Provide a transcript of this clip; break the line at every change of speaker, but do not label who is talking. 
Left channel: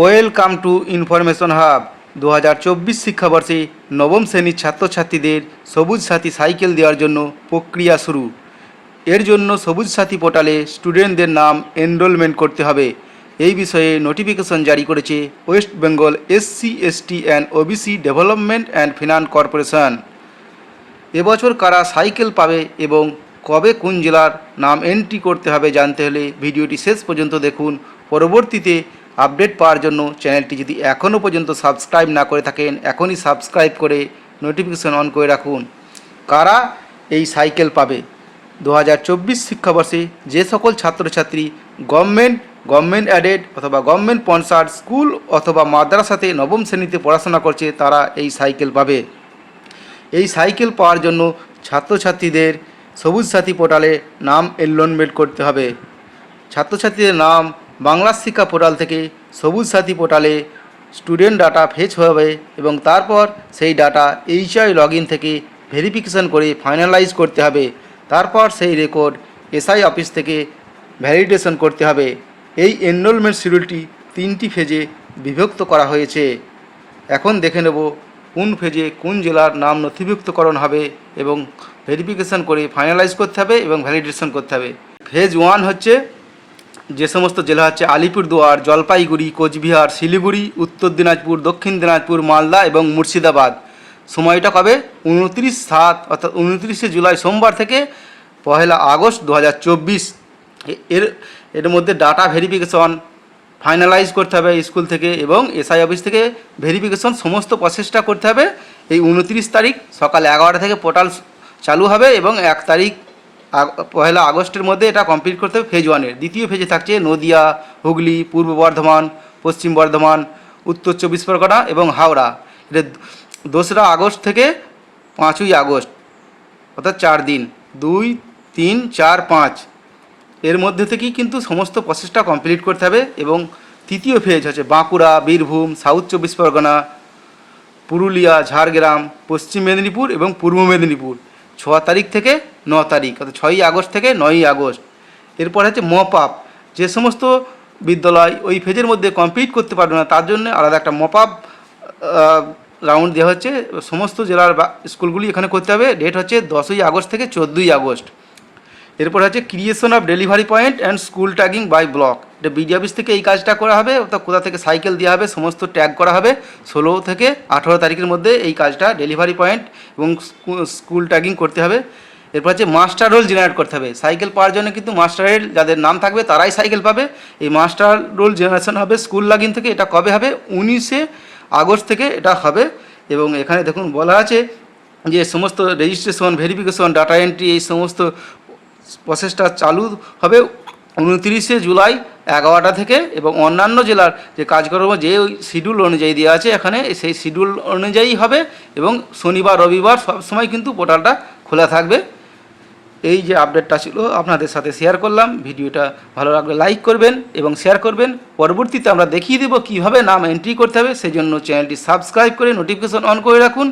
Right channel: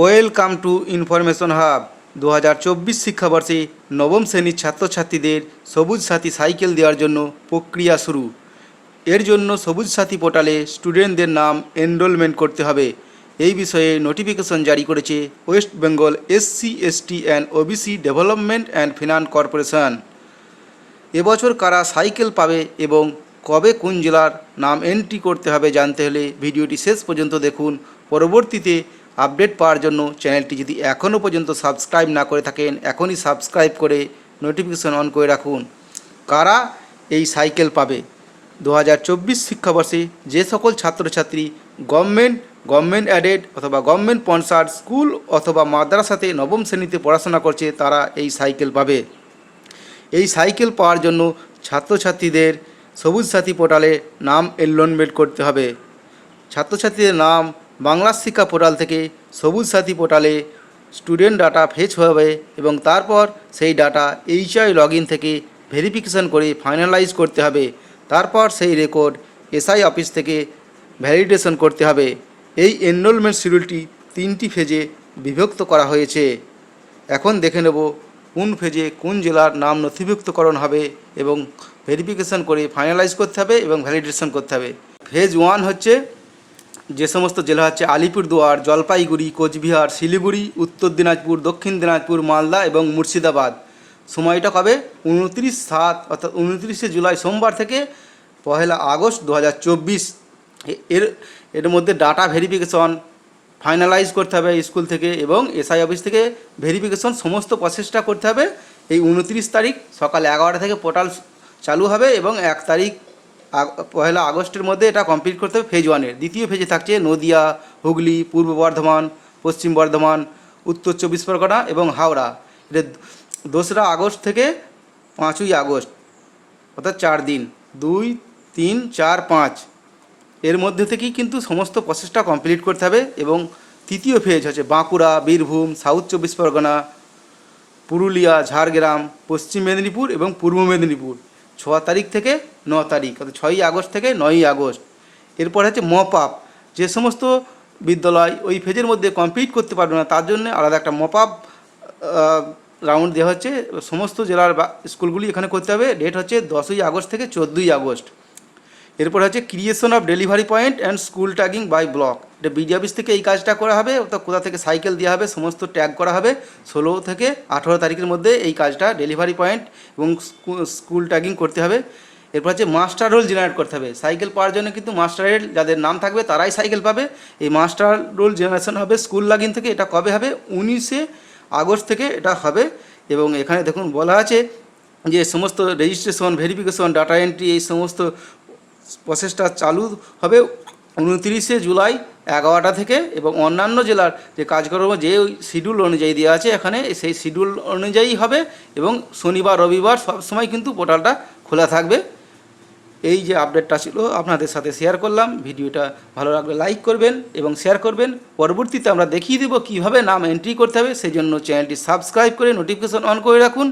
Welcome to information hub. দু হাজার চব্বিশ শিক্ষাবর্ষে নবম শ্রেণির ছাত্রছাত্রীদের সবুজ সাথী সাইকেল দেওয়ার জন্য প্রক্রিয়া শুরু। এর জন্য সবুজ সাথী পোর্টালে স্টুডেন্টদের নাম এনরোলমেন্ট করতে হবে। এই বিষয়ে নোটিফিকেশন জারি করেছে West Bengal SC ST and OBC development and finance corporation. এবছর কারা সাইকেল পাবে এবং কবে কোন জেলার নাম এন্ট্রি করতে হবে জানতে হলে ভিডিওটি শেষ পর্যন্ত দেখুন। পরবর্তীতে আপডেট পাওয়ার জন্য চ্যানেলটি যদি এখনও পর্যন্ত সাবস্ক্রাইব না করে থাকেন, এখনই সাবস্ক্রাইব করে নোটিফিকেশন অন করে রাখুন। কারা এই সাইকেল পাবে? দু হাজার চব্বিশ শিক্ষাবর্ষে যে সকল ছাত্রছাত্রী গভর্নমেন্ট গভর্নমেন্ট অ্যাডেড অথবা গভর্নমেন্ট স্পন্সার স্কুল অথবা মাদ্রাসাতে নবম শ্রেণীতে পড়াশোনা করছে, তারা এই সাইকেল পাবে। এই সাইকেল পাওয়ার জন্য ছাত্রছাত্রীদের সবুজ সাথী পোর্টালে নাম এনরোলমেন্ট করতে হবে। ছাত্রছাত্রীদের নাম বাংলা শিক্ষা পোর্টাল থেকে সবুজ সাথী পোর্টালে স্টুডেন্ট ডাটা ফেচ হবে এবং তারপর সেই ডাটা এইচআই লগ ইন থেকে ভেরিফিকেশন করে ফাইনালাইজ করতে হবে। তারপর সেই রেকর্ড এসআই অফিস থেকে ভ্যালিডেশন করতে হবে। এই এনরোলমেন্ট শিডিউলটি তিনটি ফেজে বিভক্ত করা হয়েছে। এখন দেখে নেব কোন ফেজে কোন জেলার নাম নথিভুক্তকরণ হবে এবং ভেরিফিকেশন করে ফাইনালাইজ করতে হবে এবং ভ্যালিডেশন করতে হবে। ফেজ ওয়ান হচ্ছে যে সমস্ত জেলা হচ্ছে আলিপুরদুয়ার, জলপাইগুড়ি, কোচবিহার, শিলিগুড়ি, উত্তর দিনাজপুর, দক্ষিণ দিনাজপুর, মালদা এবং মুর্শিদাবাদ। সময়টা কবে? উনত্রিশ সাত, অর্থাৎ উনত্রিশে জুলাই সোমবার থেকে পহেলা আগস্ট দু হাজার চব্বিশ এর এর মধ্যে ডাটা ভেরিফিকেশন ফাইনালাইজ করতে হবে স্কুল থেকে এবং এসআই অফিস থেকে ভেরিফিকেশন সমস্ত প্রসেসটা করতে হবে। এই উনত্রিশ তারিখ সকাল এগারোটা থেকে পোর্টাল চালু হবে এবং এক তারিখ পহেলা আগস্টের মধ্যে এটা কমপ্লিট করতে হবে ফেজ ওয়ানের দ্বিতীয় ফেজে থাকছে নদিয়া, হুগলি, পূর্ব বর্ধমান, পশ্চিম বর্ধমান, উত্তর চব্বিশ পরগনা এবং হাওড়া। এটা দোসরা আগস্ট থেকে পাঁচই আগস্ট, অর্থাৎ চার দিন। দুই, তিন, চার, পাঁচ। এর মধ্যে থেকেই কিন্তু সমস্ত প্রসেসটা কমপ্লিট করতে হবে এবং তৃতীয় ফেজ হচ্ছে বাঁকুড়া, বীরভূম সাউথ চব্বিশ পরগনা, পুরুলিয়া, ঝাড়গ্রাম, পশ্চিম মেদিনীপুর এবং পূর্ব মেদিনীপুর। ছ তারিখ থেকে ন তারিখ, অর্থাৎ ছয়ই আগস্ট থেকে নয়ই আগস্ট। এরপর হচ্ছে মপ আপ যে সমস্ত বিদ্যালয় ওই ফেজের মধ্যে কমপ্লিট করতে পারবে না, তার জন্য আলাদা একটা মপ আপ রাউন্ড দেওয়া হচ্ছে। সমস্ত জেলার স্কুলগুলি এখানে করতে হবে। ডেট হচ্ছে দশই আগস্ট থেকে চোদ্দোই আগস্ট। এরপর হচ্ছে creation of delivery point and school tagging by block এটা বিডি অফিস থেকে এই কাজটা করা হবে অর্থাৎ কোথা থেকে সাইকেল দেওয়া হবে, সমস্ত ট্যাগ করা হবে, ষোলো থেকে আঠেরো তারিখের মধ্যে এই কাজটা ডেলিভারি পয়েন্ট এবং স্কুল ট্যাগিং করতে হবে। এরপর হচ্ছে মাস্টার রোল জেনারেট করতে হবে। সাইকেল পাওয়ার জন্য কিন্তু মাস্টার রোল যাদের নাম থাকবে, তারাই সাইকেল পাবে। এই মাস্টার রোল জেনারেশন হবে স্কুল লাগিন থেকে, এটা কবে হবে? উনিশে আগস্ট থেকে এটা হবে। এবং এখানে দেখুন বলা আছে যে সমস্ত রেজিস্ট্রেশন ভেরিফিকেশন ডাটা এন্ট্রি এই সমস্ত প্রসেসটা চালু হবে উনত্রিশে জুলাই এগারোটা থেকে এবং অন্যান্য জেলার যে কাজকর্ম, যে শিডিউল অনুযায়ী দেওয়া আছে এখানে, সেই শিডিউল অনুযায়ী হবে এবং শনিবার, রবিবার সব সময় কিন্তু পোর্টালটা খোলা থাকবে। এই যে আপডেটটা ছিল, আপনাদের সাথে শেয়ার করলাম। ভিডিওটা ভালো লাগলে লাইক করবেন এবং শেয়ার করবেন। পরবর্তীতে আমরা দেখিয়ে দেবো কীভাবে নাম এন্ট্রি করতে হবে। সেই জন্য চ্যানেলটি সাবস্ক্রাইব করে নোটিফিকেশন অন করে রাখুন।